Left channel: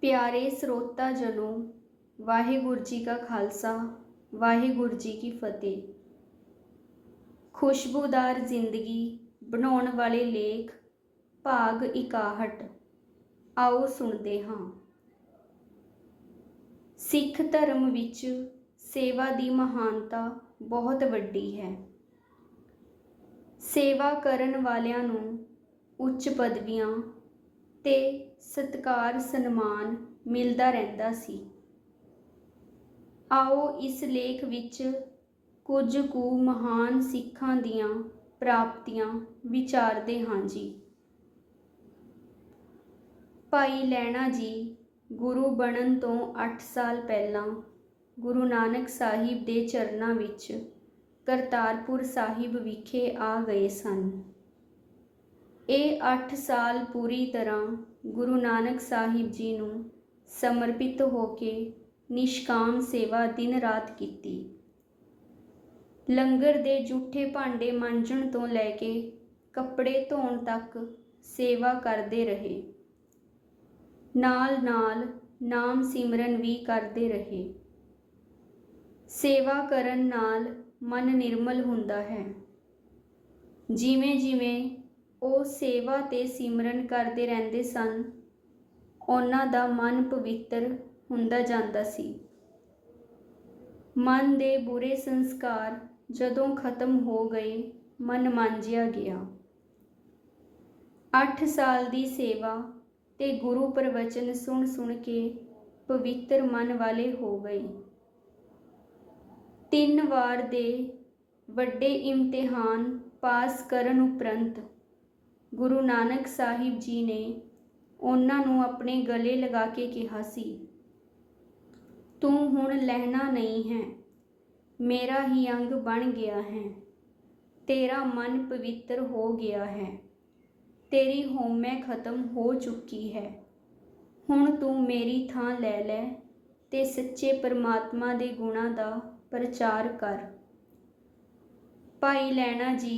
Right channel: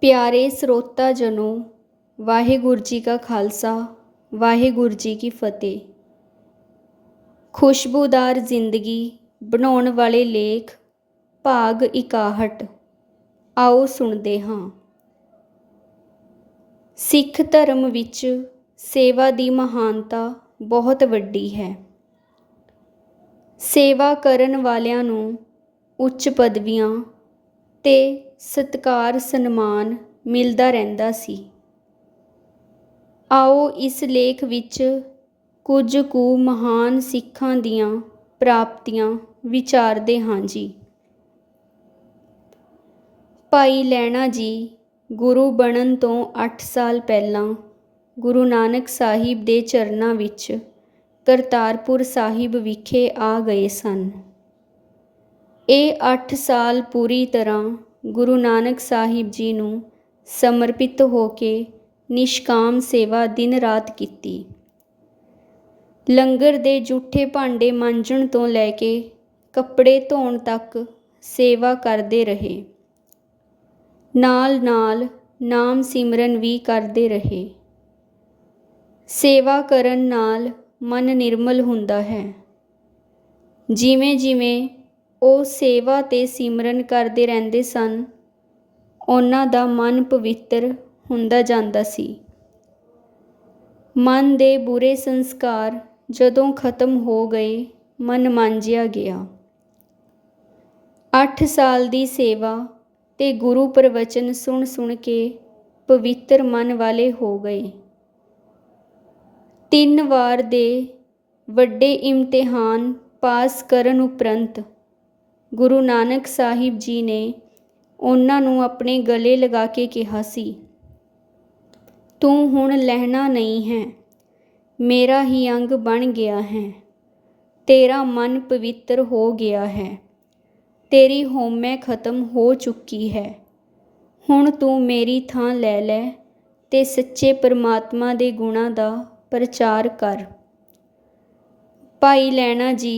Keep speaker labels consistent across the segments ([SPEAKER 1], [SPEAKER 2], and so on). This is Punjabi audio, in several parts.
[SPEAKER 1] ਪਿਆਰੇ ਸਰੋਤਾ ਜਨੋ, ਵਾਹਿਗੁਰੂ ਜੀ ਕਾ ਖਾਲਸਾ, ਵਾਹਿਗੁਰੂ ਜੀ ਕੀ ਫਤਿਹ। ਖੁਸ਼ਬੂਦਾਰ ਜ਼ਿੰਦਗੀ ਬਣਾਉਣ ਵਾਲੇ ਲੇਖ ਭਾਗ 61 ਆਓ ਸੁਣਦੇ ਹਾਂ। ਸਿੱਖ ਧਰਮ ਵਿੱਚ ਸੇਵਾ ਦੀ ਮਹਾਨਤਾ ਬਹੁਤ ਵੱਡੀ ਹੈ। ਸੇਵਾ ਕਰਨ ਵਾਲਿਆਂ ਨੂੰ ਉੱਚ ਪਦਵੀਆਂ ਤੇ ਸਤਕਾਰ, ਸਨਮਾਨ ਮਿਲਦਾ ਰਹਿੰਦਾ ਸੀ। ਆਓ ਇਸ ਲੇਖ ਵਿੱਚ ਕੁਝ ਕੁ ਮਹਾਨ ਸਿੱਖਾਂ ਦੀਆਂ ਪ੍ਰਾਪਤੀਆਂ ਵਿਚਾਰਦੇ ਹਾਂ ਜੀ। ਭਾਈ ਲੈਣਾ ਜੀ ਗੁਰੂ ਬਣਨ ਤੋਂ 8 ਸਾਲ ਪਹਿਲਾਂ ਗੁਰੂ ਨਾਨਕ ਸਾਹਿਬ ਦੇ ਚਰਨਾਂ ਵਿੱਚ ਕਰਤਾਰਪੁਰ ਸਾਹਿਬ ਵਿਖੇ ਆ ਗਏ ਸਨ। ਇਹ ਅੱਠ ਸਾਲ ਪੂਰੀ ਤਰ੍ਹਾਂ ਗੁਰੂ ਨਾਨਕ ਸਾਹਿਬ ਜੀ ਨੂੰ ਸਮਰਪਿਤ ਹੋ ਕੇ ਨਿਸ਼ਕਾਮ ਸੇਵਾ ਦਿਨ ਰਾਤ ਕੀਤੀ। ਲੰਗਰ ਦੇ ਜੂਠੇ ਭਾਂਡੇ ਮਾਂਜਣ ਤੋਂ ਲੈ ਕੇ ਕੱਪੜੇ ਧੋਣ ਤੱਕ ਸੇਵਾ ਕਰਦੇ ਰਹੇ। ਨਾਲ ਨਾਲ ਨਾਮ ਸਿਮਰਨ ਵੀ ਕਰਦੇ ਰਹੇ। ਸੇਵਾ ਕਰਨ ਨਾਲ ਮਨ ਨਿਰਮਲ ਹੁੰਦਾ ਹੈ। ਜਿਵੇਂ ਜਿਵੇਂ ਉਹ ਸੇਵਾ ਤੇ ਸਿਮਰਨ ਕਰਦੇ ਰਹਿੰਦੇ ਸਨ। ਉਹਨਾਂ ਦਾ ਮਨ ਪਵਿੱਤਰ ਹੁੰਦਾ ਜਾਂਦਾ ਸੀ। ਮਨ ਦੇ ਬੁਰੇ ਸੰਸਕਾਰ ਜਦੋਂ ਖਤਮ ਹੋ ਗਏ, ਮਨ ਮਾਂਜਿਆ ਗਿਆ। 8 ਸਾਲ ਦੀ ਸੇਵਾ ਤੇ ਗੁਰੂ ਪ੍ਰਵਚਨ ਸੁਣ ਸੁਣ ਕੇ ਪਵਿੱਤਰ ਮਨ ਵਾਲੇ ਹੋ ਗਏ। ਤਿੰਨ ਵਾਰ ਦੇ ਵੱਡੇ ਇਮਤਿਹਾਨ ਪਾਸ ਕਰਨ ਉਪਰੰਤ ਗੁਰੂ ਨਾਨਕ ਸਾਹਿਬ ਜੀ ਨੇ ਉਹਨਾਂ ਨੂੰ ਆਪਣੇ ਗਲੇ ਲਗਾ ਕੇ ਕਿਹਾ ਸੀ, ਤੂੰ ਹੁਣ ਲਹਿਣਾ ਨਹੀਂ ਹੈ, ਮੇਰਾ ਹੀ ਅੰਗ ਬਣ ਗਿਆ ਹੈ, ਤੇਰਾ ਮਨ ਪਵਿੱਤਰ ਹੋ ਗਿਆ ਹੈ, ਤੇਰੀ ਹੋਮੈ ਖਤਮ ਹੋ ਚੁੱਕੀ ਹੈ, ਹੁਣ ਤੂੰ ਮੇਰੀ ਥਾਂ ਲੈ ਲੈ ਤੇ ਸੱਚੇ ਪਰਮਾਤਮਾ ਦੇ ਗੁਣਾਂ ਦਾ ਪ੍ਰਚਾਰ ਕਰ। ਭਾਈ ਲੈਣਾ ਜੀ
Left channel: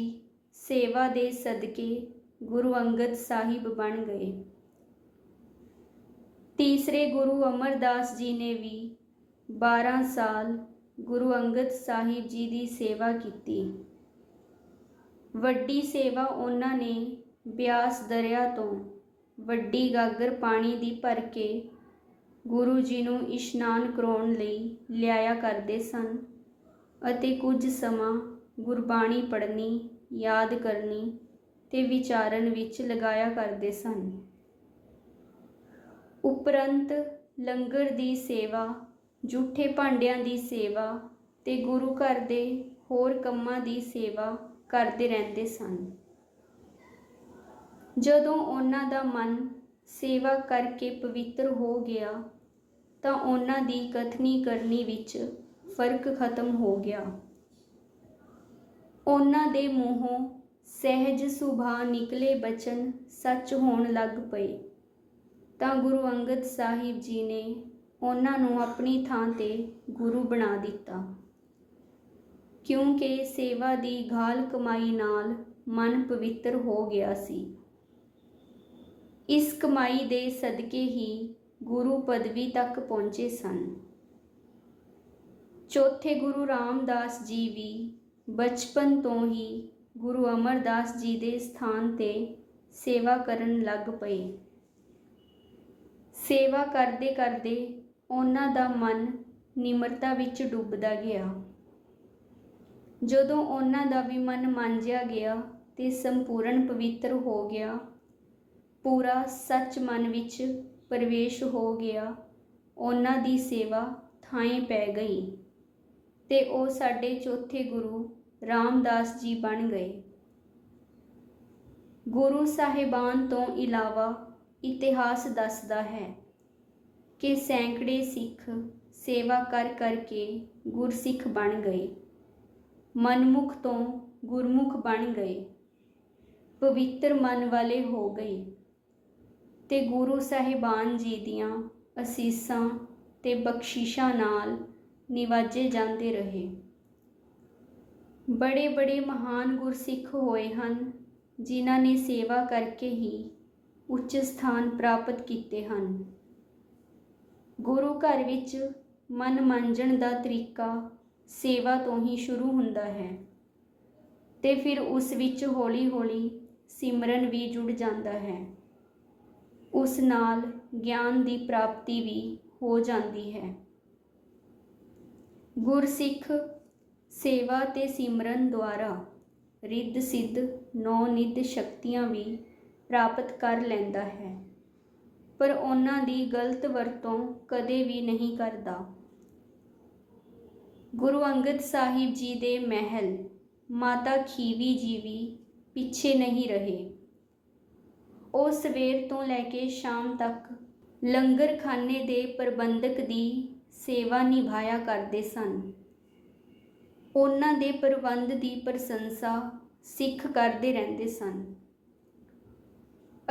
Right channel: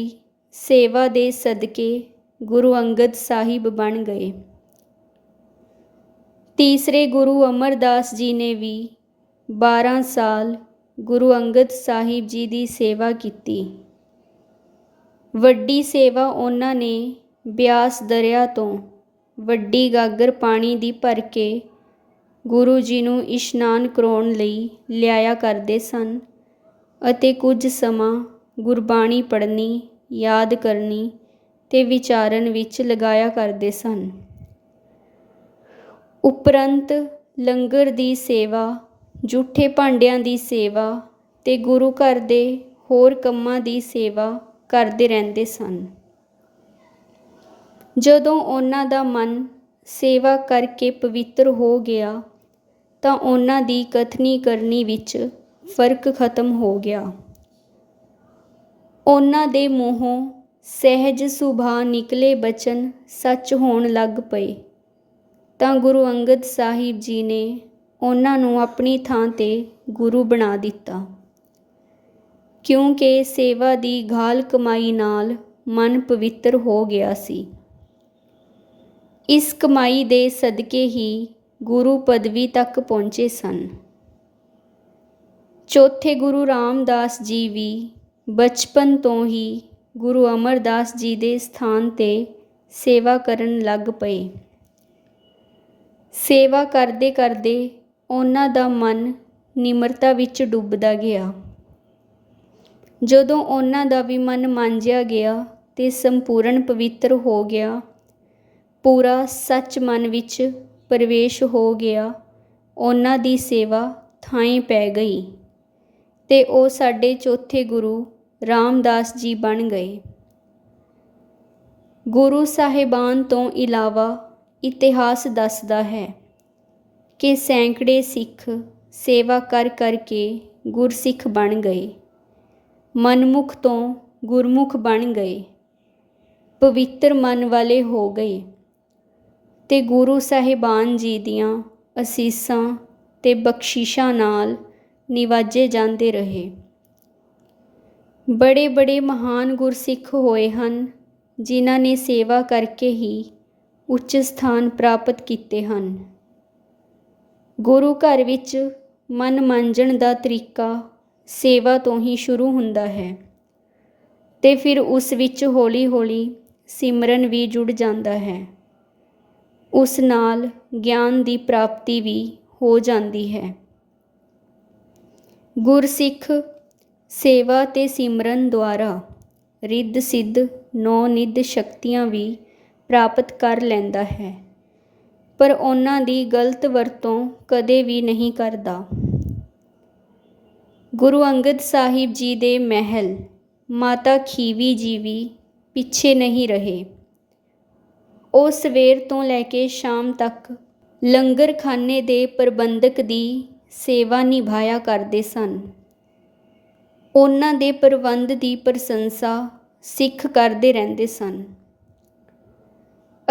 [SPEAKER 1] ਸੇਵਾ ਦੇ ਸਦਕੇ ਗੁਰੂ ਅੰਗਦ ਸਾਹਿਬ ਬਣ ਗਏ। ਤੀਸਰੇ ਗੁਰੂ ਅਮਰਦਾਸ ਜੀ ਨੇ ਵੀ 12 ਸਾਲ ਗੁਰੂ ਅੰਗਦ ਸਾਹਿਬ ਜੀ ਦੀ ਸੇਵਾ ਕੀਤੀ। ਵੱਡੀ ਸੇਵਾ ਉਹਨਾਂ ਨੇ ਬਿਆਸ ਦਰਿਆ ਤੋਂ ਵੱਡੀ ਗਾਗਰ ਪਾਣੀ ਦੀ ਭਰ ਕੇ ਗੁਰੂ ਜੀ ਨੂੰ ਇਸ਼ਨਾਨ ਕਰਾਉਣ ਲਈ ਲਿਆਇਆ ਕਰਦੇ ਸਨ ਅਤੇ ਕੁਝ ਸਮਾਂ ਗੁਰਬਾਣੀ ਪੜ੍ਹਨੀ, ਯਾਦ ਕਰਨੀ ਤੇ ਵਿਚਾਰਨ ਵਿੱਚ ਲਗਾਇਆ ਕਰਦੇ ਸਨ। ਉਪਰੰਤ ਲੰਗਰ ਦੀ ਸੇਵਾ, ਜੂਠੇ ਭਾਂਡਿਆਂ ਦੀ ਸੇਵਾ ਤੇ ਗੁਰੂ ਘਰ ਦੇ ਹੋਰ ਕੰਮਾਂ ਦੀ ਸੇਵਾ ਕਰਦੇ ਰਹਿੰਦੇ ਸਨ। ਜਦੋਂ ਉਹਨਾਂ ਦਾ ਮਨ ਸੇਵਾ ਕਰਕੇ ਪਵਿੱਤਰ ਹੋ ਗਿਆ, ਤਾਂ ਉਹਨਾਂ ਦੀ ਕਥਨੀ ਕਰਨੀ ਵਿੱਚ ਫ਼ਰਕ ਖਤਮ ਹੋ ਗਿਆ। ਉਹਨਾਂ ਦੇ ਮੂੰਹੋਂ ਸਹਿਜ ਸੁਭਾ ਨਿਕਲੇ ਬਚਨ ਸੱਚ ਹੋਣ ਲੱਗ ਪਏ। ਤਾਂ ਗੁਰੂ ਅੰਗਦ ਸਾਹਿਬ ਜੀ ਨੇ ਉਹਨਾਂ ਨੂੰ ਆਪਣੀ ਥਾਂ ਤੇ ਗੁਰੂ ਬਣਾ ਦਿੱਤਾ। ਕਿਉਂਕਿ ਸੇਵਾ ਦੀ ਘਾਲ ਕਮਾਈ ਨਾਲ ਮਨ ਪਵਿੱਤਰ ਹੋ ਗਿਆ ਸੀ। ਇਸ ਕਮਾਈ ਦੇ ਸਦਕੇ ਹੀ ਗੁਰੂ ਪਦਵੀ ਤੱਕ ਪਹੁੰਚੇ ਸਨ। ਚੌਥੇ ਗੁਰੂ ਰਾਮਦਾਸ ਜੀ ਵੀ ਬਚਪਨ ਤੋਂ ਹੀ ਗੁਰੂ ਅਮਰਦਾਸ ਜੀ ਦੇ ਸਥਾਨ ਤੇ ਸੇਵਾ ਕਰਨ ਲੱਗ ਪਏ। ਸੇਵਾ ਕਰਦੇ ਕਰਦੇ ਉਹਨਾਂ ਦਾ ਮਨ ਨਿਮਰਤਾ ਵਿੱਚ ਡੁੱਬਦਾ ਗਿਆ। ਜਦੋਂ ਉਹਨਾਂ ਦਾ ਵੀ ਮਨ ਮਾਂਜਿਆ ਗਿਆ ਤੇ ਸੰਪੂਰਨ ਪਵਿੱਤਰ ਹੋ ਗਿਆ, ਪੂਰਾ ਸੱਚ ਮਨ ਵਿੱਚ ਪ੍ਰਵੇਸ਼ ਹੋ ਗਿਆ, ਉਹਨਾਂ ਦੀ ਸੇਵਾ ਥਾਂ ਪੈ ਗਈ ਤੇ ਉਹ ਸਾਡੇ ਚੌਥੇ ਗੁਰੂ ਰਾਮਦਾਸ ਜੀ ਬਣ ਗਏ। ਗੁਰੂ ਸਾਹਿਬਾਨ ਤੋਂ ਇਲਾਵਾ ਇਤਿਹਾਸ ਦੱਸਦਾ ਹੈ ਕਿ ਸੈਂਕੜੇ ਸਿੱਖ ਸੇਵਾ ਕਰ ਕਰਕੇ ਗੁਰਸਿੱਖ ਬਣ ਗਏ। ਮਨਮੁਖ ਤੋਂ ਗੁਰਮੁਖ ਬਣ ਗਏ। ਪਵਿੱਤਰ ਮਨ ਵਾਲੇ ਹੋ ਗਏ ਤੇ ਗੁਰੂ ਸਾਹਿਬਾਨ ਜੀ ਦੀਆਂ ਅਸੀਸਾਂ ਤੇ ਬਖਸ਼ਿਸ਼ਾਂ ਨਾਲ ਨਿਵਾਜੇ ਜਾਂਦੇ ਰਹੇ। ਬੜੇ ਬੜੇ ਮਹਾਨ ਗੁਰਸਿੱਖ ਹੋਏ ਹਨ, ਜਿਨ੍ਹਾਂ ਨੇ ਸੇਵਾ ਕਰਕੇ ਹੀ ਉੱਚ ਸਥਾਨ ਪ੍ਰਾਪਤ ਕੀਤੇ ਹਨ। ਗੁਰੂ ਘਰ ਵਿੱਚ ਮਨ ਮਾਂਜਣ ਦਾ ਤਰੀਕਾ ਸੇਵਾ ਤੋਂ ਹੀ ਸ਼ੁਰੂ ਹੁੰਦਾ ਹੈ ਤੇ ਫਿਰ ਉਸ ਵਿੱਚ ਹੌਲੀ-ਹੌਲੀ ਸਿਮਰਨ ਵੀ ਜੁੜ ਜਾਂਦਾ ਹੈ। ਉਸ ਨਾਲ ਗਿਆਨ ਦੀ ਪ੍ਰਾਪਤੀ ਵੀ ਹੋ ਜਾਂਦੀ ਹੈ। ਗੁਰਸਿੱਖ ਸੇਵਾ ਅਤੇ ਸਿਮਰਨ ਦੁਆਰਾ ਰਿੱਧ ਸਿੱਧ ਨੌ ਨਿੱਧ ਸ਼ਕਤੀਆਂ ਵੀ ਪ੍ਰਾਪਤ ਕਰ ਲੈਂਦਾ ਹੈ, ਪਰ ਉਹਨਾਂ ਦੀ ਗਲਤ ਵਰਤੋਂ ਕਦੇ ਵੀ ਨਹੀਂ ਕਰਦਾ। ਗੁਰੂ ਅੰਗਦ ਸਾਹਿਬ ਜੀ ਦੇ ਮਹਿਲ ਮਾਤਾ ਖੀਵੀ ਜੀ ਵੀ ਪਿੱਛੇ ਨਹੀਂ ਰਹੇ। ਉਹ ਸਵੇਰ ਤੋਂ ਲੈ ਕੇ ਸ਼ਾਮ ਤੱਕ ਲੰਗਰਖਾਨੇ ਦੇ ਪ੍ਰਬੰਧਕ ਦੀ ਸੇਵਾ ਨਿਭਾਇਆ ਕਰਦੇ ਸਨ। ਉਹਨਾਂ ਦੇ ਪ੍ਰਬੰਧ ਦੀ ਪ੍ਰਸ਼ੰਸਾ ਸਿੱਖ ਕਰਦੇ ਰਹਿੰਦੇ ਸਨ।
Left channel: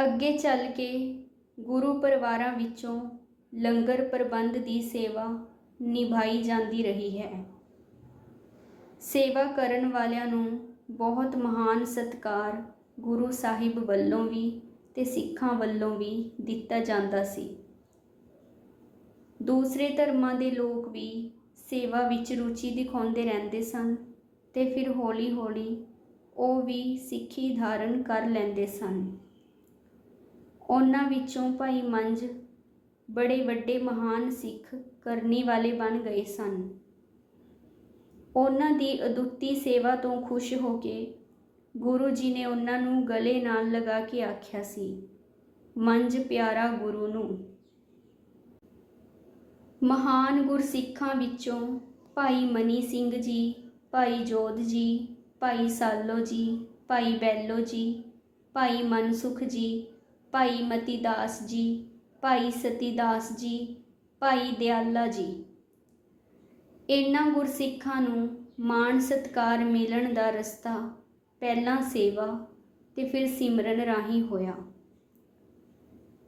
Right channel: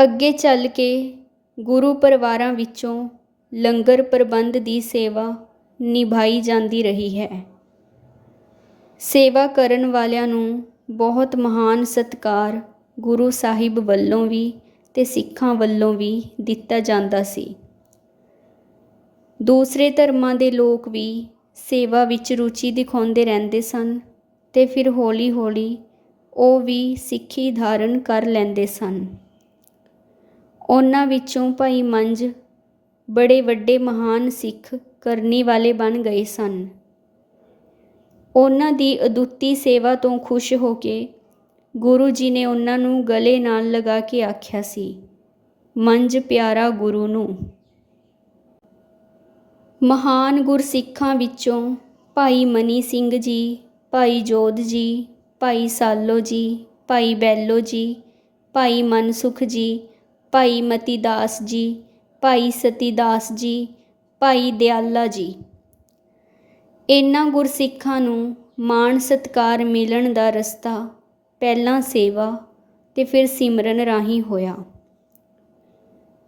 [SPEAKER 1] ਅੱਗੇ ਚੱਲ ਕੇ ਗੁਰੂ ਪਰਿਵਾਰਾਂ ਵਿੱਚੋਂ ਲੰਗਰ ਪ੍ਰਬੰਧ ਦੀ ਸੇਵਾ ਨਿਭਾਈ ਜਾਂਦੀ ਰਹੀ ਹੈ। ਸੇਵਾ ਕਰਨ ਵਾਲਿਆਂ ਨੂੰ ਬਹੁਤ ਮਹਾਨ ਸਤਕਾਰ ਗੁਰੂ ਸਾਹਿਬ ਵੱਲੋਂ ਵੀ ਤੇ ਸਿੱਖਾਂ ਵੱਲੋਂ ਵੀ ਦਿੱਤਾ ਜਾਂਦਾ ਸੀ। ਦੂਸਰੇ ਧਰਮਾਂ ਦੇ ਲੋਕ ਵੀ ਸੇਵਾ ਵਿੱਚ ਰੁਚੀ ਦਿਖਾਉਂਦੇ ਰਹਿੰਦੇ ਸਨ ਅਤੇ ਫਿਰ ਹੌਲੀ-ਹੌਲੀ ਉਹ ਵੀ ਸਿੱਖੀ ਧਾਰਨ ਕਰ ਲੈਂਦੇ ਸਨ। ਉਹਨਾਂ ਵਿੱਚੋਂ ਭਾਈ ਮੰਝ ਬੜੇ ਵੱਡੇ ਮਹਾਨ ਸਿੱਖ ਕਰਨੀ ਵਾਲੇ ਬਣ ਗਏ ਸਨ। ਉਹਨਾਂ ਦੀ ਅਦੁੱਤੀ ਸੇਵਾ ਤੋਂ ਖੁਸ਼ ਹੋ ਕੇ ਗੁਰੂ ਜੀ ਨੇ ਉਹਨਾਂ ਨੂੰ ਗਲੇ ਨਾਲ ਲਗਾ ਕੇ ਆਖਿਆ ਸੀ ਮੰਝ ਪਿਆਰਾ ਗੁਰੂ ਨੂੰ। ਮਹਾਨ ਗੁਰਸਿੱਖਾਂ ਵਿੱਚੋਂ ਭਾਈ ਮਨੀ ਸਿੰਘ ਜੀ, ਭਾਈ ਜੋਧ ਜੀ, ਭਾਈ ਸਾਲੋ ਜੀ, ਭਾਈ ਬੈਲੋ ਜੀ, ਭਾਈ ਮਨਸੁਖ ਜੀ, ਭਾਈ ਮਤੀਦਾਸ ਜੀ, ਭਾਈ ਸਤੀਦਾਸ ਜੀ, ਭਾਈ ਦਿਆਲਾ ਜੀ। ਇਹਨਾਂ ਗੁਰਸਿੱਖਾਂ ਨੂੰ ਮਾਣ ਸਤਕਾਰ ਮਿਲਣ ਦਾ ਰਸਤਾ ਪਹਿਲਾਂ ਸੇਵਾ ਤੇ ਫਿਰ ਸਿਮਰਨ ਰਾਹੀਂ ਹੋਇਆ।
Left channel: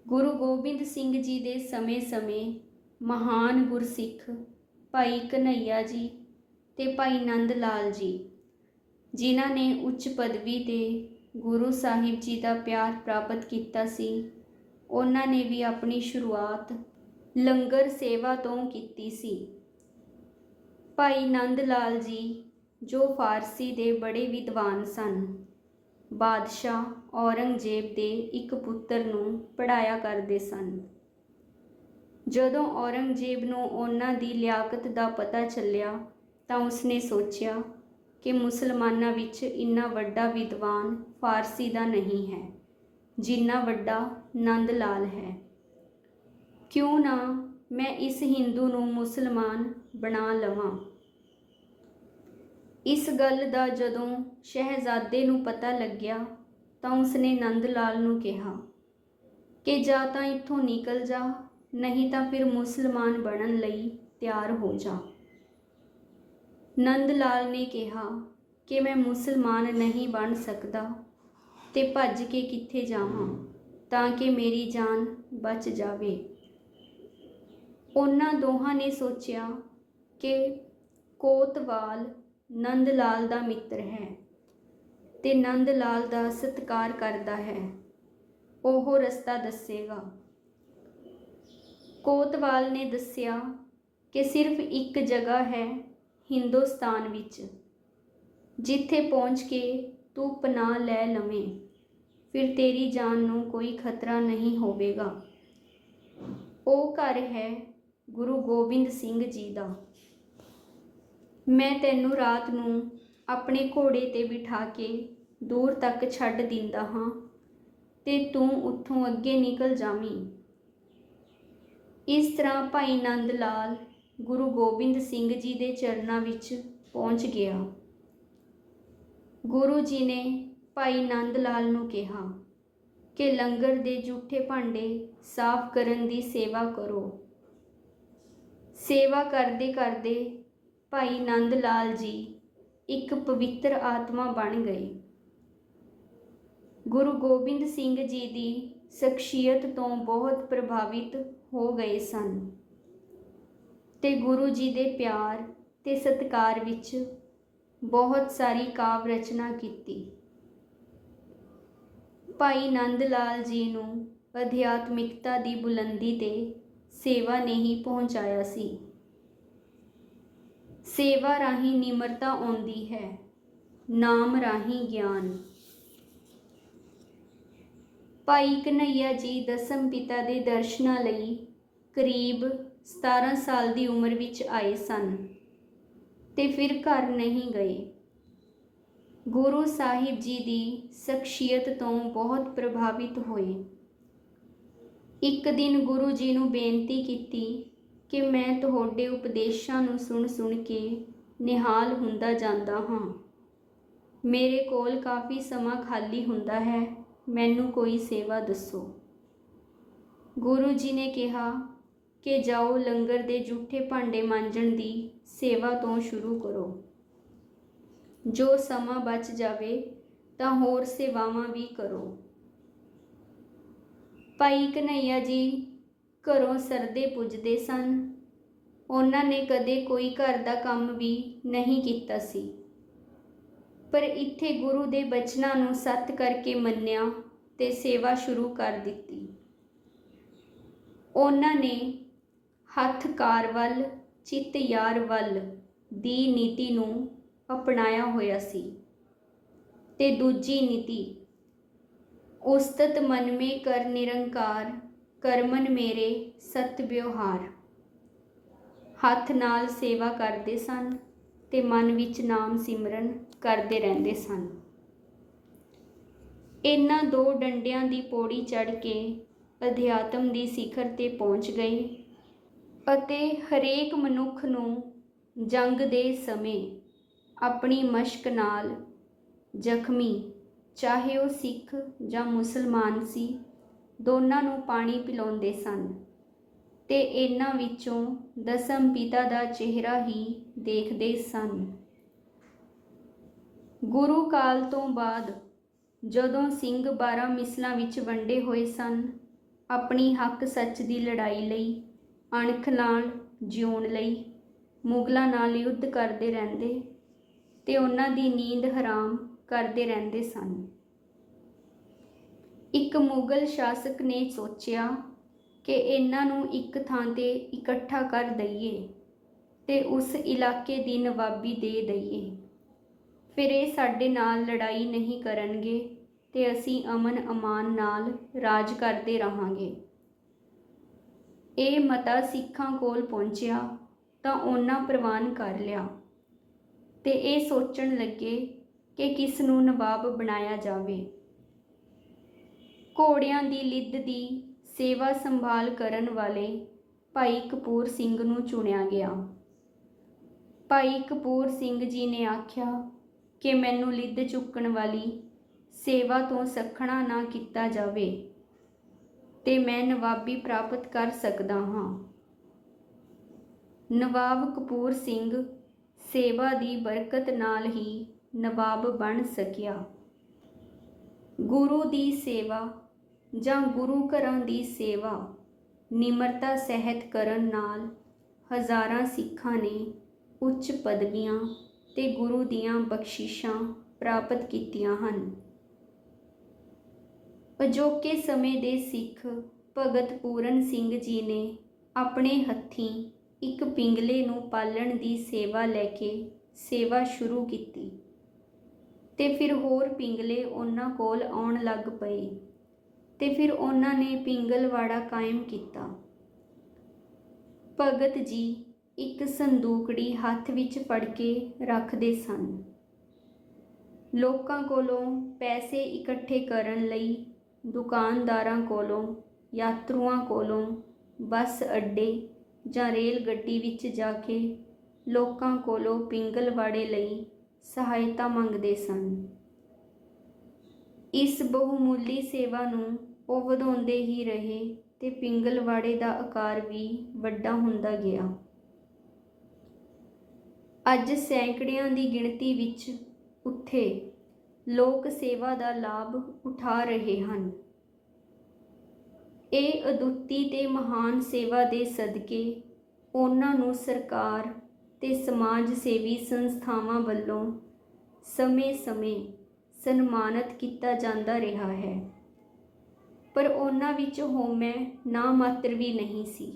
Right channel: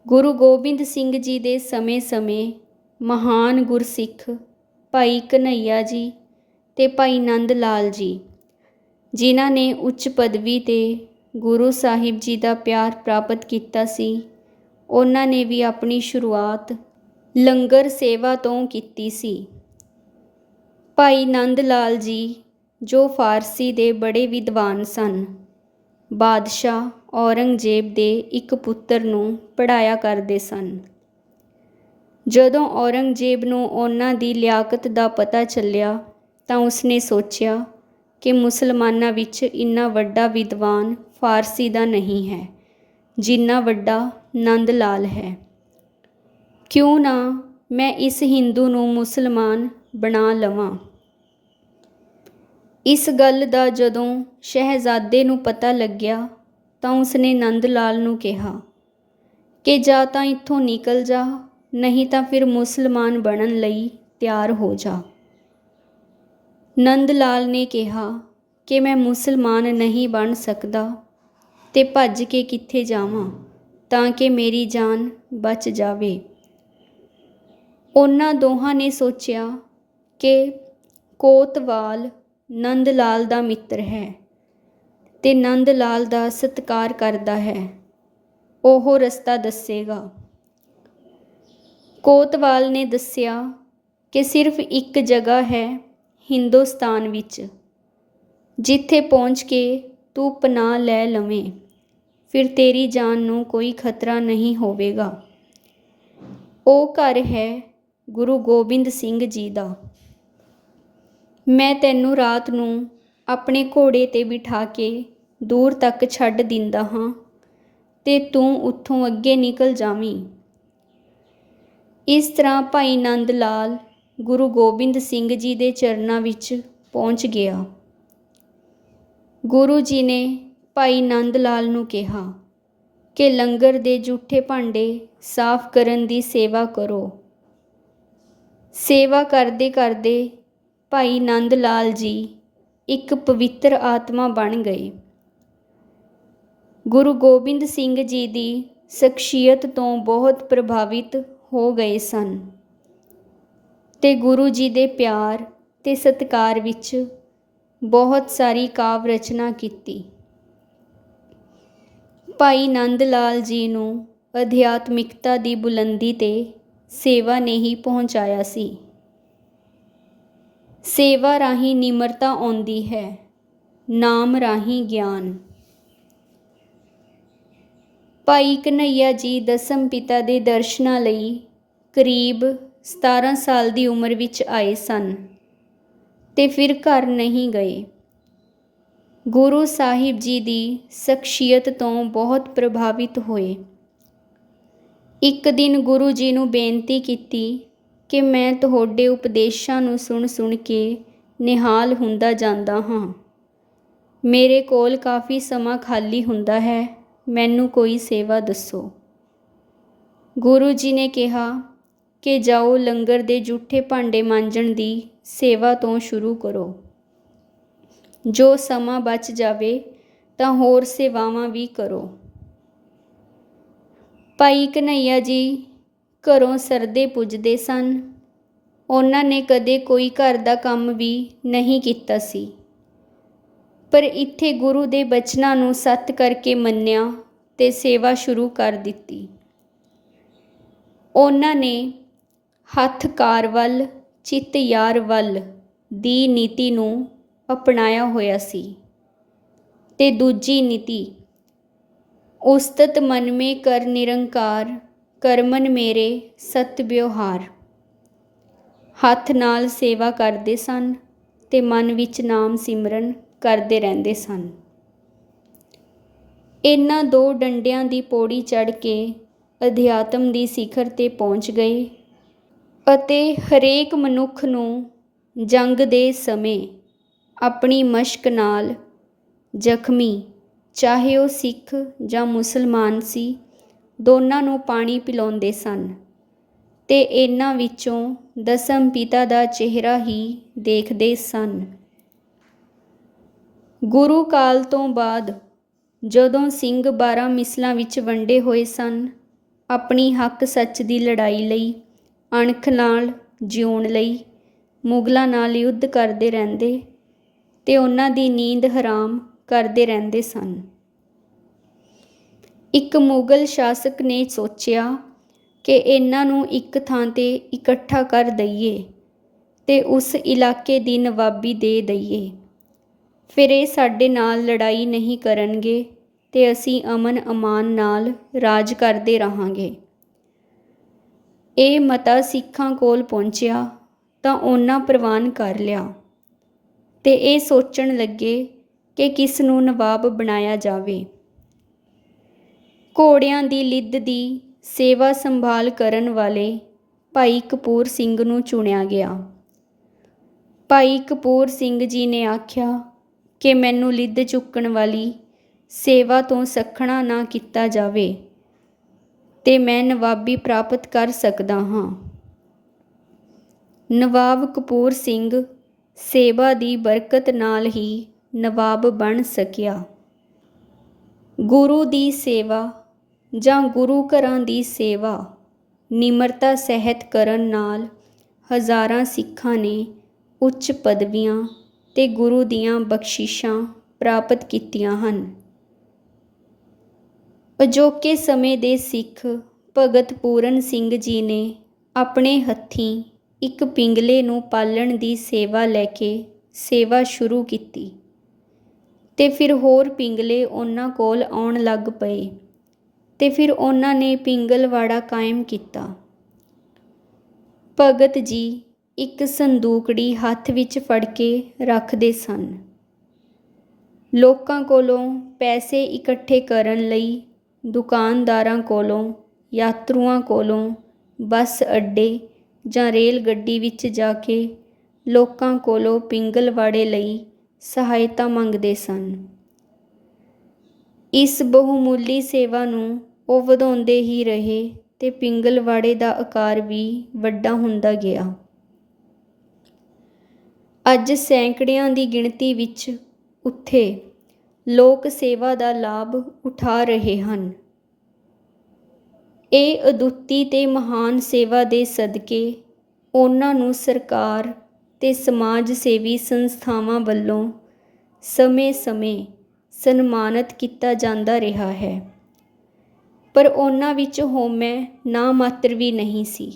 [SPEAKER 1] ਗੁਰੂ ਗੋਬਿੰਦ ਸਿੰਘ ਜੀ ਦੇ ਸਮੇਂ-ਸਮੇਂ ਮਹਾਨ ਗੁਰਸਿੱਖ ਭਾਈ ਕਨਈਆ ਜੀ ਅਤੇ ਭਾਈ ਨੰਦ ਲਾਲ ਜੀ, ਜਿਨ੍ਹਾਂ ਨੇ ਉੱਚ ਪਦਵੀ ਤੇ ਗੁਰੂ ਸਾਹਿਬ ਜੀ ਦਾ ਪਿਆਰ ਪ੍ਰਾਪਤ ਕੀਤਾ ਸੀ, ਉਹਨਾਂ ਨੇ ਵੀ ਆਪਣੀ ਸ਼ੁਰੂਆਤ ਲੰਗਰ ਸੇਵਾ ਤੋਂ ਕੀਤੀ ਸੀ। ਭਾਈ ਨੰਦ ਲਾਲ ਜੀ, ਜੋ ਫਾਰਸੀ ਦੇ ਬੜੇ ਵਿਦਵਾਨ ਸਨ, ਬਾਦਸ਼ਾਹ ਔਰੰਗਜ਼ੇਬ ਦੇ ਇੱਕ ਪੁੱਤਰ ਨੂੰ ਪੜਾਇਆ ਕਰਦੇ ਸਨ। ਜਦੋਂ ਔਰੰਗਜ਼ੇਬ ਨੂੰ ਉਹਨਾਂ ਦੀ ਲਿਆਕਤ ਦਾ ਪਤਾ ਚੱਲਿਆ ਤਾਂ ਉਸਨੇ ਸੋਚਿਆ ਕਿ ਮੁਸਲਮਾਨਾਂ ਵਿੱਚ ਇੰਨਾ ਵੱਡਾ ਵਿਦਵਾਨ ਫਾਰਸੀ ਦਾ ਨਹੀਂ ਹੈ, ਜਿੰਨਾ ਵੱਡਾ ਨੰਦ ਲਾਲ ਹੈ। ਕਿਉਂ ਨਾ ਮੈਂ ਇਸ ਹਿੰਦੂ ਨੂੰ ਮੁਸਲਮਾਨ ਬਣਾ ਲਵਾਂ? ਇਸ ਗੱਲ ਦਾ ਜਦੋਂ ਸ਼ਹਿਜ਼ਾਦੇ ਨੂੰ ਪਤਾ ਲੱਗਿਆ ਤਾਂ ਉਸਨੇ ਨੰਦ ਲਾਲ ਨੂੰ ਕਿਹਾ ਕਿ ਜਾਂ ਤਾਂ ਇੱਥੋਂ ਨਿਕਲ ਜਾ ਨਹੀਂ ਤਾਂ ਫਿਰ ਮੁਸਲਮਾਨ ਬਣਨ ਲਈ ਤਿਆਰ ਹੋ ਜਾ। ਨੰਦ ਲਾਲ ਨੇ ਕਿਹਾ ਕਿ ਮੈਂ ਮੁਸਲਮਾਨ ਨਹੀਂ ਬਣ ਸਕਦਾ ਤੇ ਭੱਜ ਕੇ ਕਿੱਥੇ ਜਾਵਾਂ ਤਾਂ ਕਿ ਮੇਰੀ ਜਾਨ ਬਚ ਜਾਵੇ। ਉਹਨਾਂ ਦੋਹਾਂ ਨੇ ਸੋਚਿਆ ਕਿ ਕੋਤਵਾਲ ਨੰਦ ਲਾਲ ਦਾ ਮਿੱਤਰ ਹੈ ਤੇ ਨੰਦ ਲਾਲ ਦਾ ਸਤਿਕਾਰ ਕਰਦਾ ਹੈ। ਉਹ ਰਸਤਾ ਦੱਸੇਗਾ। ਕੋਤਵਾਲ ਨੇ ਦੱਸਿਆ ਕਿ ਸਿਰਫ ਇੱਕ ਜਗ੍ਹਾ ਹੈ ਹਿੰਦੁਸਤਾਨ ਵਿੱਚ, ਜਿੱਥੇ ਪਹੁੰਚ ਕੇ ਤੂੰ ਪਨਾਹ ਲੈ ਲਵੇਂ। ਫਿਰ ਤੇਰੀ ਜਾਨ ਨੂੰ ਕੋਈ ਖਤਰਾ ਨਹੀਂ ਹੋਵੇਗਾ। ਉਹ ਘਰ ਹੈ ਗੁਰੂ ਗੋਬਿੰਦ ਸਿੰਘ ਜੀ ਦਾ। ਮੈਂ ਤੈਨੂੰ ਰਾਤ ਨੂੰ ਆਪਣੇ ਘੋੜੇ ਤੇ ਬਿਠਾ ਕੇ ਦੂਰ ਤੱਕ ਛੱਡ ਦਿੰਦਾ ਹਾਂ ਤੇ ਤੂੰ ਉੱਥੋਂ ਅੱਗੇ ਨਿਕਲ ਜਾਵੀਂ। ਇਸ ਤਰ੍ਹਾਂ ਭਾਈ ਨੰਦ ਲਾਲ ਗੁਰੂ ਗੋਬਿੰਦ ਸਿੰਘ ਜੀ ਦੇ ਚਰਨਾਂ ਵਿੱਚ ਪਹੁੰਚ ਗਿਆ। ਗੁਰੂ ਜੀ ਨੇ ਭਾਈ ਨੰਦ ਲਾਲ ਨੂੰ ਕਿਹਾ ਕਿ ਲੰਗਰ ਦੇ ਜੂਠੇ ਭਾਂਡੇ ਸਾਫ਼ ਕਰਨ ਦੀ ਸੇਵਾ ਕਰੋ। ਸੇਵਾ ਕਰਦੇ ਕਰਦੇ ਭਾਈ ਨੰਦ ਲਾਲ ਜੀ ਇੱਕ ਪਵਿੱਤਰ ਆਤਮਾ ਬਣ ਗਏ। ਗੁਰੂ ਗੋਬਿੰਦ ਸਿੰਘ ਜੀ ਦੀ ਸ਼ਖਸੀਅਤ ਤੋਂ ਬਹੁਤ ਪ੍ਰਭਾਵਿਤ ਹੋ ਗਏ ਸਨ। ਤੇ ਗੁਰੂ ਜੀ ਦੇ ਪਿਆਰ ਤੇ ਸਤਿਕਾਰ ਵਿੱਚ ਬਹੁਤ ਸਾਰੀ ਕਾਵ ਰਚਨਾ ਕੀਤੀ। ਭਾਈ ਨੰਦ ਲਾਲ ਜੀ ਨੂੰ ਅਧਿਆਤਮਿਕਤਾ ਦੀ ਬੁਲੰਦੀ ਤੇ ਸੇਵਾ ਨੇ ਹੀ ਪਹੁੰਚਾਇਆ ਸੀ। ਸੇਵਾ ਰਾਹੀਂ ਨਿਮਰਤਾ ਆਉਂਦੀ ਹੈ, ਨਾਮ ਰਾਹੀਂ ਗਿਆਨ। ਭਾਈ ਕਨਈਆ ਜੀ ਦਸਮ ਪਿਤਾ ਦੇ ਦਰਸ਼ਨਾਂ ਲਈ ਕਰੀਬ 17 ਸਾਲ ਦੀ ਉਮਰ ਵਿੱਚ ਆਏ ਸਨ ਤੇ ਫਿਰ ਘਰ ਨਹੀਂ ਗਏ। ਗੁਰੂ ਸਾਹਿਬ ਜੀ ਦੀ ਸ਼ਖਸੀਅਤ ਤੋਂ ਬਹੁਤ ਪ੍ਰਭਾਵਿਤ ਹੋਏ। ਇੱਕ ਦਿਨ ਗੁਰੂ ਜੀ ਨੂੰ ਬੇਨਤੀ ਕੀਤੀ ਕਿ ਮੈਂ ਤੁਹਾਡੇ ਉਪਦੇਸ਼ਾਂ ਨੂੰ ਸੁਣ ਸੁਣ ਕੇ ਨਿਹਾਲ ਹੁੰਦਾ ਜਾਂਦਾ ਹਾਂ। ਮੇਰੇ ਕੋਲ ਕਾਫੀ ਸਮਾਂ ਖਾਲੀ ਹੁੰਦਾ ਹੈ। ਮੈਨੂੰ ਕੋਈ ਸੇਵਾ ਦੱਸੋ। ਗੁਰੂ ਜੀ ਨੇ ਕਿਹਾ ਕਿ ਜਾਓ ਲੰਗਰ ਦੇ ਜੂਠੇ ਭਾਂਡੇ ਮਾਂਜਣ ਦੀ ਸੇਵਾ ਤੋਂ ਸ਼ੁਰੂ ਕਰੋ। ਜੋ ਸਮਾਂ ਬਚ ਜਾਵੇ ਤਾਂ ਹੋਰ ਸੇਵਾਵਾਂ ਵੀ ਕਰੋ। ਭਾਈ ਕਨਈਆ ਜੀ ਘਰੋਂ ਸਰਦੇ ਪੁੱਜਦੇ ਸਨ। ਉਹਨਾਂ ਨੇ ਕਦੇ ਕੋਈ ਘਰ ਦਾ ਕੰਮ ਵੀ ਨਹੀਂ ਕੀਤਾ ਸੀ। ਪਰ ਇੱਥੇ ਗੁਰੂ ਦੇ ਬਚਨਾਂ ਨੂੰ ਸੱਤ ਕਰਕੇ ਮੰਨਿਆ ਤੇ ਸੇਵਾ ਸ਼ੁਰੂ ਕਰ ਦਿੱਤੀ। ਉਹਨਾਂ ਨੇ ਹੱਥ ਕਾਰ ਵੱਲ, ਚਿੱਤ ਯਾਰ ਵੱਲ ਦੀ ਨੀਤੀ ਨੂੰ ਅਪਣਾਇਆ ਹੋਇਆ ਸੀ। ਤੇ ਦੂਜੀ ਨੀਤੀ, ਉਸਤਤ ਮਨ ਮੇ ਕਰ ਨਿਰੰਕਾਰ, ਕਰਮਨ ਮੇਰੇ ਸਤ ਵਿਵਹਾਰ। ਹੱਥ ਨਾਲ ਸੇਵਾ ਕਰਦੇ ਸਨ ਤੇ ਮਨ ਵਿੱਚ ਨਾਮ ਸਿਮਰਨ ਕਰਦੇ ਰਹਿੰਦੇ ਸਨ। ਇਹਨਾਂ ਦੋ ਡੰਡਿਆਂ ਦੀ ਪੌੜੀ ਚੜ੍ਹ ਕੇ ਅਧਿਆਤਮ ਦੀ ਸਿਖਰ ਤੇ ਪਹੁੰਚ ਗਏ ਅਤੇ ਹਰੇਕ ਮਨੁੱਖ ਨੂੰ ਜੰਗ ਦੇ ਸਮੇਂ ਆਪਣੀ ਮਸ਼ਕ ਨਾਲ ਜ਼ਖਮੀ, ਚਾਹੇ ਉਹ ਸਿੱਖ ਜਾਂ ਮੁਸਲਮਾਨ ਸੀ, ਦੋਨਾਂ ਨੂੰ ਪਾਣੀ ਪਿਲਾਉਂਦੇ ਸਨ ਤੇ ਇਹਨਾਂ ਵਿੱਚੋਂ ਦਸਮ ਪਿਤਾ ਦਾ ਚਿਹਰਾ ਹੀ ਦੇਖਦੇ ਸਨ। ਗੁਰੂ ਕਾਲ ਤੋਂ ਬਾਅਦ ਜਦੋਂ ਸਿੰਘ 12 ਮਿਸਲਾਂ ਵਿੱਚ ਵੰਡੇ ਹੋਏ ਸਨ, ਆਪਣੀ ਹੱਕ ਸੱਚ ਦੀ ਲੜਾਈ ਲਈ, ਅਣਖ ਨਾਲ ਜਿਉਣ ਲਈ, ਮੁਗਲਾਂ ਨਾਲ ਯੁੱਧ ਕਰਦੇ ਰਹਿੰਦੇ ਤੇ ਉਹਨਾਂ ਦੀ ਨੀਂਦ ਹਰਾਮ ਕਰਦੇ ਰਹਿੰਦੇ ਸਨ। ਇੱਕ ਮੁਗਲ ਸ਼ਾਸਕ ਨੇ ਸੋਚਿਆ ਕਿ ਇਹਨਾਂ ਨੂੰ ਇੱਕ ਥਾਂ ਤੇ ਇਕੱਠਾ ਕਰ ਦਈਏ ਤੇ ਉਸ ਇਲਾਕੇ ਦੀ ਨਵਾਬੀ ਦੇ ਦਈਏ। ਫਿਰ ਇਹ ਸਾਡੇ ਨਾਲ ਲੜਾਈ ਨਹੀਂ ਕਰਨਗੇ ਤੇ ਅਸੀਂ ਅਮਨ ਅਮਾਨ ਨਾਲ ਰਾਜ ਕਰਦੇ ਰਹਾਂਗੇ। ਇਹ ਮਤਾ ਸਿੱਖਾਂ ਕੋਲ ਪਹੁੰਚਿਆ ਤਾਂ ਉਹਨਾਂ ਪ੍ਰਵਾਨ ਕਰ ਲਿਆ ਤੇ ਇਹ ਸੋਚਣ ਲੱਗੇ ਕਿ ਕਿਸ ਨੂੰ ਨਵਾਬ ਬਣਾਇਆ ਜਾਵੇ। ਘੋੜਿਆਂ ਦੀ ਲਿੱਦ ਦੀ ਸੇਵਾ ਸੰਭਾਲ ਕਰਨ ਵਾਲੇ ਭਾਈ ਕਪੂਰ ਸਿੰਘ ਨੂੰ ਚੁਣਿਆ ਗਿਆ। ਭਾਈ ਕਪੂਰ ਸਿੰਘ ਜੀ ਨੇ ਆਖਿਆ ਕਿ ਮੈਨੂੰ ਲਿੱਦ ਚੁੱਕਣ ਵਾਲੀ ਸੇਵਾ ਤੋਂ ਸਖਣਾ ਨਾ ਕੀਤਾ ਜਾਵੇ, ਤੇ ਮੈਂ ਨਵਾਬੀ ਪ੍ਰਾਪਤ ਕਰ ਸਕਦਾ ਹਾਂ। ਨਵਾਬ ਕਪੂਰ ਸਿੰਘ ਸੇਵਾ ਦੀ ਬਰਕਤ ਨਾਲ ਹੀ ਨਵਾਬ ਬਣ ਸਕਿਆ। ਗੁਰੂ ਦੀ ਸੇਵਾ ਜਾਂ ਗੁਰੂ ਘਰਾਂ ਦੀ ਸੇਵਾ ਨਿਮਰਤਾ ਸਹਿਤ ਕਰਨ ਨਾਲ ਹਜ਼ਾਰਾਂ ਸਿੱਖਾਂ ਨੇ ਉੱਚ ਪਦਵੀਆਂ ਤੇ ਗੁਰੂ ਦੀਆਂ ਬਖਸ਼ਿਸ਼ਾਂ ਪ੍ਰਾਪਤ ਕੀਤੀਆਂ ਹਨ। ਅਜੋਕੇ ਸਮੇਂ ਦੇ ਸਿੱਖ ਭਗਤ ਪੂਰਨ ਸਿੰਘ ਜੀ ਨੇ ਆਪਣੇ ਹੱਥੀਂ ਇੱਕ ਪਿੰਗਲੇ ਨੂੰ ਪਾਲਣ ਦੀ ਸੇਵਾ ਲੈ ਕੇ ਸੇਵਾ ਸ਼ੁਰੂ ਕੀਤੀ ਤੇ ਫਿਰ ਹੋਰ ਪਿੰਗਲੇ ਉਹਨਾਂ ਕੋਲ ਆਉਣ ਲੱਗ ਪਏ ਤੇ ਫਿਰ ਉਹਨਾਂ ਨੇ ਪਿੰਗਲਵਾੜਾ ਕਾਇਮ ਕੀਤਾ। ਭਗਤ ਜੀ ਇੱਕ ਸੰਦੂਕੜੀ ਹੱਥ ਵਿੱਚ ਫੜ ਕੇ ਰੱਖਦੇ ਸਨ। ਲੋਕਾਂ ਕੋਲੋਂ ਪੈਸੇ ਇਕੱਠੇ ਕਰਨ ਲਈ, ਦੁਕਾਨਦਾਰਾਂ ਕੋਲੋਂ, ਯਾਤਰੂਆਂ ਕੋਲੋਂ, ਬੱਸ ਅੱਡੇ ਜਾਂ ਰੇਲ ਗੱਡੀ ਵਿੱਚ ਜਾ ਕੇ ਲੋਕਾਂ ਕੋਲੋਂ ਪਿੰਗਲਵਾੜੇ ਲਈ ਸਹਾਇਤਾ ਮੰਗਦੇ ਸਨ। ਇਸ ਬਹੁਮੁੱਲੀ ਸੇਵਾ ਨੂੰ ਉਹ ਵਧਾਉਂਦੇ ਹੀ ਰਹੇ ਤੇ ਪਿੰਗਲਵਾੜੇ ਦਾ ਆਕਾਰ ਵੀ ਵੱਡਾ ਹੁੰਦਾ ਗਿਆ। ਅੱਜ ਸੈਂਕੜਿਆਂ ਦੀ ਗਿਣਤੀ ਵਿੱਚ ਉੱਥੇ ਲੋਕ ਸੇਵਾ ਦਾ ਲਾਭ ਉਠਾ ਰਹੇ ਹਨ। ਇਹ ਅਦੁੱਤੀ ਤੇ ਮਹਾਨ ਸੇਵਾ ਦੇ ਸਦਕੇ ਉਹਨਾਂ ਨੂੰ ਸਰਕਾਰ ਤੇ ਸਮਾਜ ਸੇਵੀ ਸੰਸਥਾਵਾਂ ਵੱਲੋਂ ਸਮੇਂ-ਸਮੇਂ ਸਨਮਾਨਿਤ ਕੀਤਾ ਜਾਂਦਾ ਰਿਹਾ ਹੈ। ਪਰ ਉਹਨਾਂ ਵਿੱਚ ਹਉਮੈ ਨਾ ਮਾਤਰ ਵੀ ਨਹੀਂ ਸੀ।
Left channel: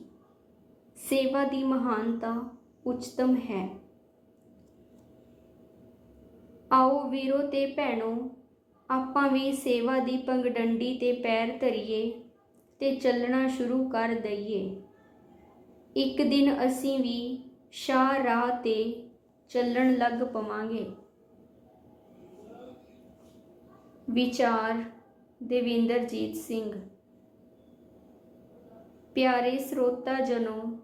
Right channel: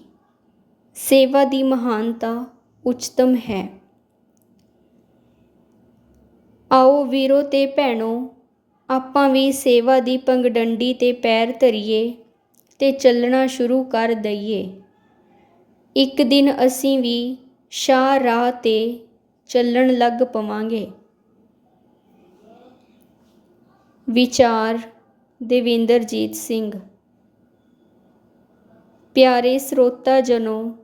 [SPEAKER 1] ਸੇਵਾ ਦੀ ਮਹਾਨਤਾ ਉੱਚਤਮ ਹੈ। ਆਓ ਵੀਰੋ ਤੇ ਭੈਣੋ, ਆਪਾਂ ਵੀ ਸੇਵਾ ਦੀ ਪੰਗਡੰਡੀ ਤੇ ਪੈਰ ਧਰੀਏ ਤੇ ਚੱਲਣਾ ਸ਼ੁਰੂ ਕਰ ਦਈਏ। ਇੱਕ ਦਿਨ ਅਸੀਂ ਵੀ ਸ਼ਾਹ ਰਾਹ ਤੇ ਚੱਲਣ ਲੱਗ ਪਵਾਂਗੇ। ਵਿਚਾਰ ਦੇਵਿੰਦਰਜੀਤ ਸਿੰਘ। ਪਿਆਰੇ ਸਰੋਤਾ ਜਨੋ,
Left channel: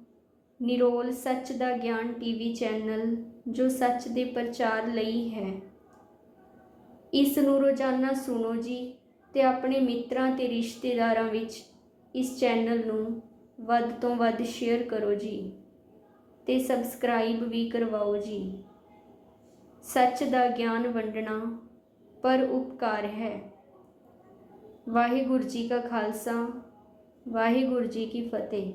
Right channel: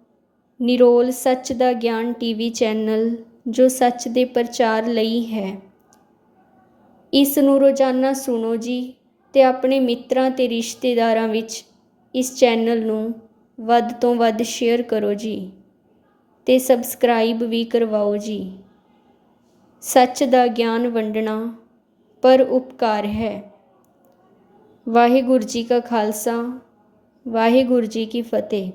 [SPEAKER 1] ਨਿਰੋਲ ਸੱਚ ਦਾ ਗਿਆਨ ਟੀਵੀ ਚੈਨਲ ਜੋ ਸੱਚ ਦੇ ਪ੍ਰਚਾਰ ਲਈ ਹੈ। ਇਸ ਨੂੰ ਰੋਜ਼ਾਨਾ ਸੁਣੋ ਜੀ ਤੇ ਆਪਣੇ ਮਿੱਤਰਾਂ ਤੇ ਰਿਸ਼ਤੇਦਾਰਾਂ ਵਿੱਚ ਇਸ ਚੈਨਲ ਨੂੰ ਵੱਧ ਤੋਂ ਵੱਧ ਸ਼ੇਅਰ ਕਰੋ ਜੀ ਤੇ ਸਬਸਕ੍ਰਾਈਬ ਵੀ ਕਰਵਾਓ ਜੀ। ਸੱਚ ਦਾ ਗਿਆਨ ਵੰਡਣਾ ਪਰ ਉਪਕਾਰ ਹੈ। ਵਾਹਿਗੁਰੂ ਜੀ ਕਾ ਖਾਲਸਾ, ਵਾਹਿਗੁਰੂ ਜੀ ਕੀ ਫਤਿਹ।